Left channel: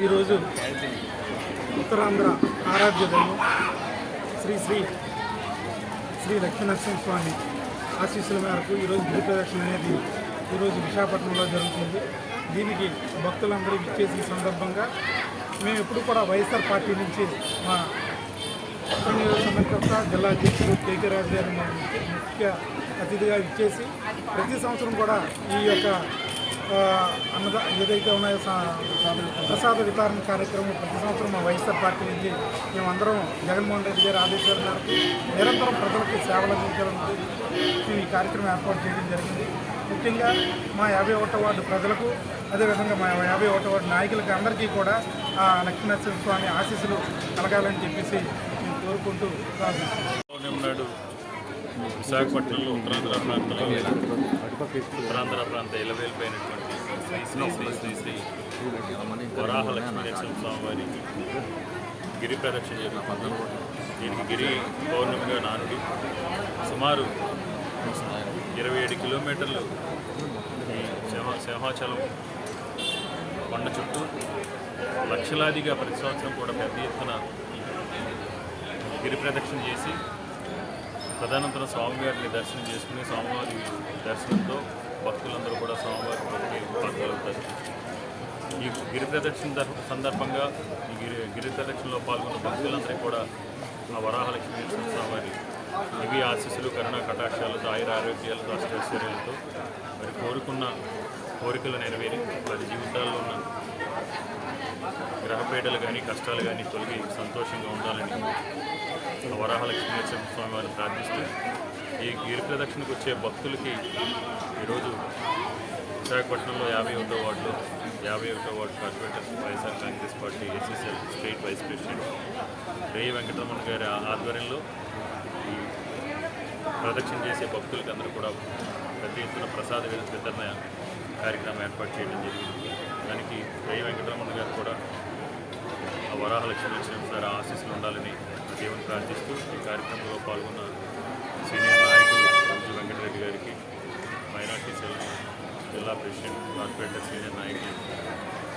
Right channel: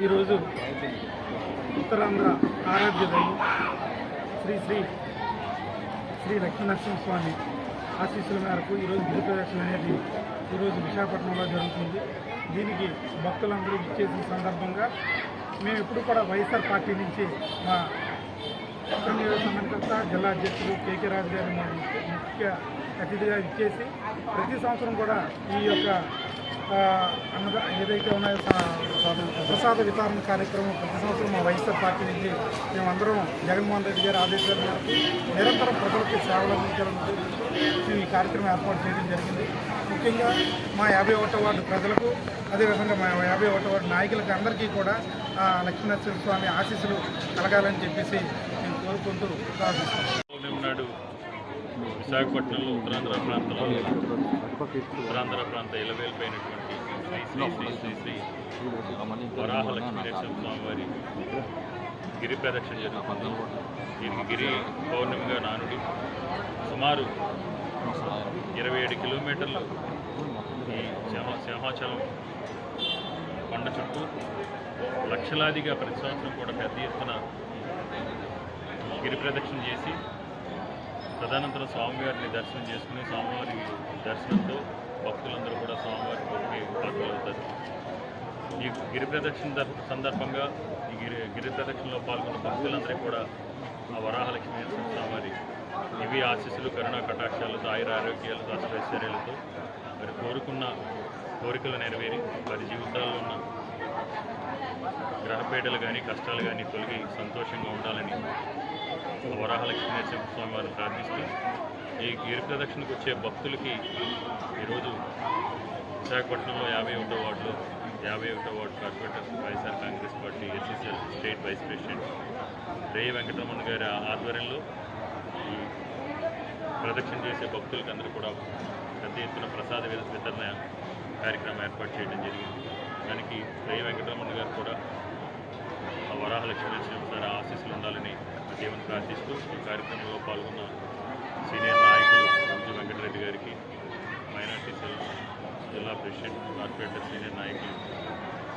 ఈరోజు ఉత్తరాంధ్ర ఆరాధ్య దైవం శ్రీ శ్రీ శ్రీ లక్ష్మీనరసింహస్వామి ఆశీస్సుల మేరకు ఈరోజు గిరి ప్రదక్షిణ అనేది ఈరోజు విశాఖపట్నంలో జరుగుతుంది. దీనికి భక్తులందరూ ఇచ్చేసిన సందర్భంగా మేము ఎప్పుడు కూడా వైఎస్ఆర్ పార్టీ నుంచి మా ఉత్తర జిల్లా అధ్యక్షుడు కేకే రాజు గారిని మా ముఖ్య అతిథిగా ఇచ్చేసి ప్రతి సంవత్సరం కూడా ఈ యొక్క అన్నద ఏదైతే ఉన్నాయో సా- ప్రసాద వితరణ కార్యక్రమం ప్రతి సంవత్సరం మా వైఎస్ఆర్ పార్టీ నుంచి మేమందరం జగన్మోహన్ రెడ్డి గారి ఆదేశాల మేరకు నిరంతరం ప్రజలకి సేవలు అందించాలని మేము ఈ కార్యక్రమం ఏర్పాటు చేయడం జరిగింది. ముఖ్యంగా మా యాభై ఒకటో వార్డు ప్రజలకు అదేవిధంగా మా యాభై ఒకటో వార్డు నాయకులకి అందరికీ కూడా ఆ లక్ష్మీనరసింహ స్వామి ఆశీస్సులు కలగాలని చెప్పేసి మేము కోరుకుంటూ ప్రార్థిస్తున్నాం విశాఖపట్నంలో ఉత్తరాంధ్ర ప్రాంతంలో ఉత్తరాంధ్ర ప్రాంత ఇలవేలిపోయినటువంటి శ్రీ శ్రీ శ్రీ శ్రీ శ్రీ వరాహ లక్ష్మీనరసింహ స్వామి వారికి గిరి ప్రదక్షిణ జరుగుతుంది. దీనికి గిరి పౌర్ణమిగా నానుడి. సుమారు ఇరవై ఏడు కిలోమీటర్లు ఈ సింహాచలం కొండ చుట్టూ లక్షలాదిగా ప్రతి సంవత్సరం కూడా పెద్ద ఎత్తున గిరి ప్రదక్షిణ చేసి తదనంతరం స్వామివారిని దర్శనం చేసుకుని స్వామివారి దర్శనంతో భక్తులందరూ కూడా స్వామివారి పాల్గొలుగుతారు ఈ గిరి ప్రదక్షిణ సందర్భంగా గిరి గిరి ప్రదక్షిణలో పాల్గొన్న భక్తులందరూ కూడా ఆ వరాహలక్ష్మీ స్వామివారి ఇవి ఆశీస్సులు కరుణ కటాక్షాలతో ఆయుర ఆరోగ్యాలతో అష్టైశ్వర్యాలతో మరి కోరుకున్న కోరికలు నెరవేరి వారి జీవితాల్లో ఉన్న గ్రహపేటలు కానీ కష్టాలు కానీ తొలగి సంతోషంగా ఉండాలని ఆ వరాహలక్ష్మీ నరసింహ స్వామి వారిని ప్రార్థిస్తూ ఈ గిరి వచ్చే భక్తులకి ఈరోజు విశాఖపట్నంలో యాభై ఒకటో వార్డులో యాభై ఒకటో ward corporator YSR Congress party ACCL state vice president రేయి వెంకటరమణ గారి ఆధ్వర్యంలో ప్రదక్షిణ చేసే భక్తులకి అందరూ కూడా పెద్ద ఎత్తున ప్రసాద వితరణ కార్యక్రమం ఏర్పాటు చేయడం జరిగింది. దానికి రేయి వెంకటరమణ గారు కూడా ఆ వరాహ లక్ష్మీ నరసింహ గారి ఆశీస్సులు ఉండాలని దేవుని ప్రార్థిస్తూ ఈ కార్యక్రమంలో పాల్గొన్న సీనియర్ నాయకులు ఎంజీ వెంకటరెడ్డి గారికి మైనార్టీ సెల్ జిల్లా ప్రెసిడెంట్ కార్పొరేటర్ సీనియర్ నాయకులు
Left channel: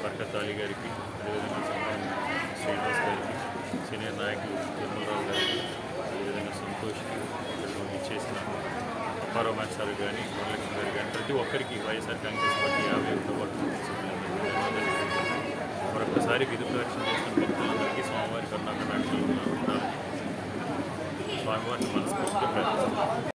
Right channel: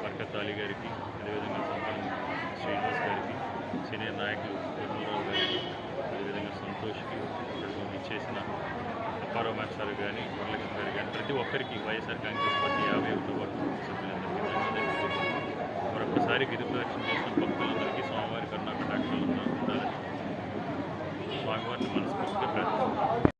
బర్కత్ అలీ గారికి అదేవిధంగా సంబంధించిన శ్రీనివాస్ గారికి సీనియర్ నాయకులు తిరుమలరావు గారికి అదేవిధంగా సంతోష్కి ఇటువంటి చేసిన అప్పారావు మాస్టర్ కానీ వరలక్ష్మి గారు కానీ ప్రతి ఒక్కరికి వైఎస్ఆర్ కాంగ్రెస్ పార్టీ యాభై ఒకటో వార్డు మరొకసారి విధి ప్రదక్షిణ చేసిన భక్తులందరికీ స్వామివారి కర్ణాటక స్వామివారిని మనస్ఫూర్తిగా